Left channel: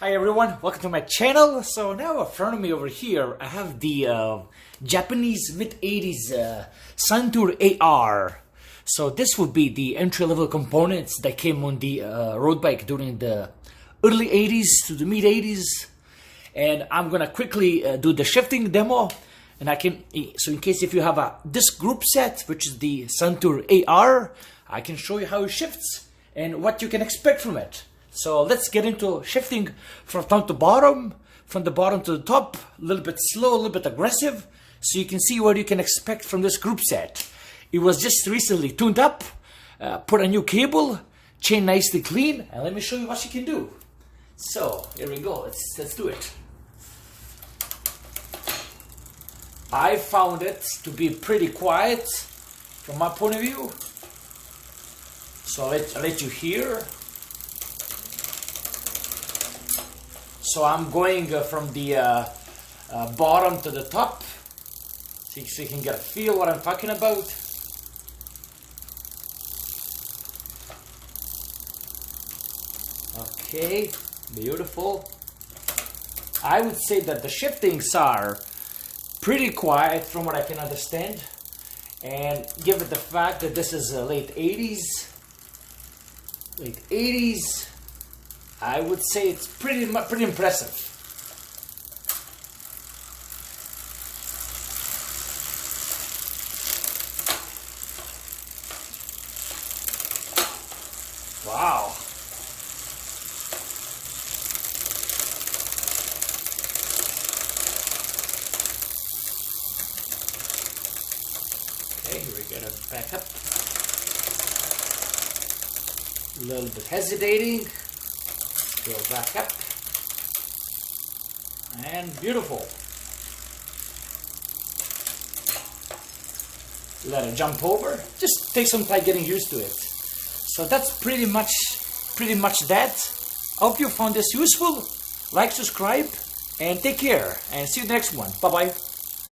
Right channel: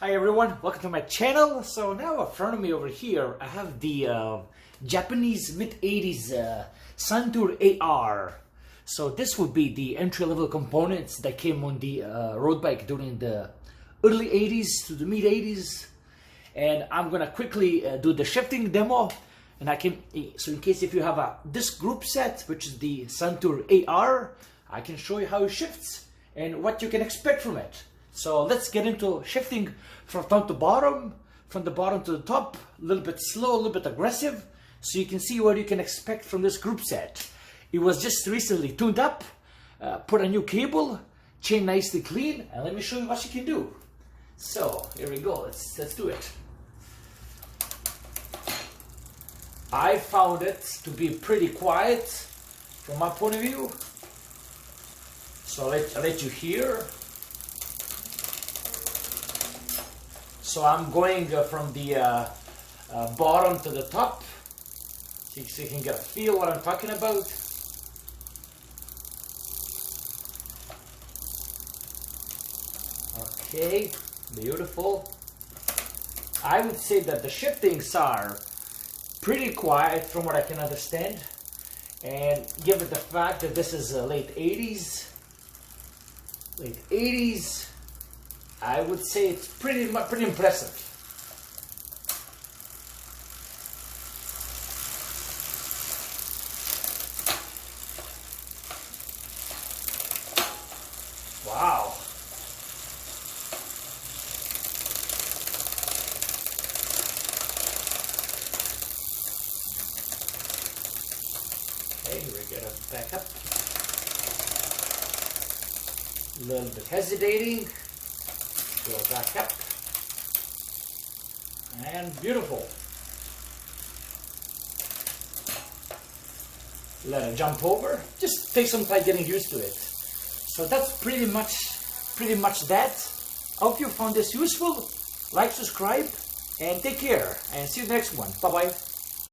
Hi everyone, welcome to my channel. So now in front of me over here, I have the Japanese mid-80s Suntour AR. So this would be the entry-level components that came on the road bike during the early 80s to the mid-80s. And I'm gonna quickly do the shifting demo. And so in case if you have this group set, which is the Suntour AR, I can show you how it shifts and what you can expect from it. So let's get into shifting from top to bottom, from the bottom to the top, a little bit slow, a little bit aggressive, so you can see what you can expect from this group set. It was just recently tuned up, put a new cable, chain nicely clean, and let me show you what you can do. So here we go, let's do it. I found it to be pretty quiet from my point of view. So I'll let you hear. So I'm going from the bottom to the top, so you can get a feel what I'm talking about. Okay, beautiful. I would say that the shiftings are pretty quiet from what I can understand, and given the fact that this is late 80s, I would say it's pretty impressive. Wow. Okay, we're gonna back up. A little bit hesitating. Go back up, and beautiful. Let it jump over. Just take some time getting used to it. So that's pretty much that. I hope you found this useful. Like, subscribe, and take care. And see you next one. Bye bye.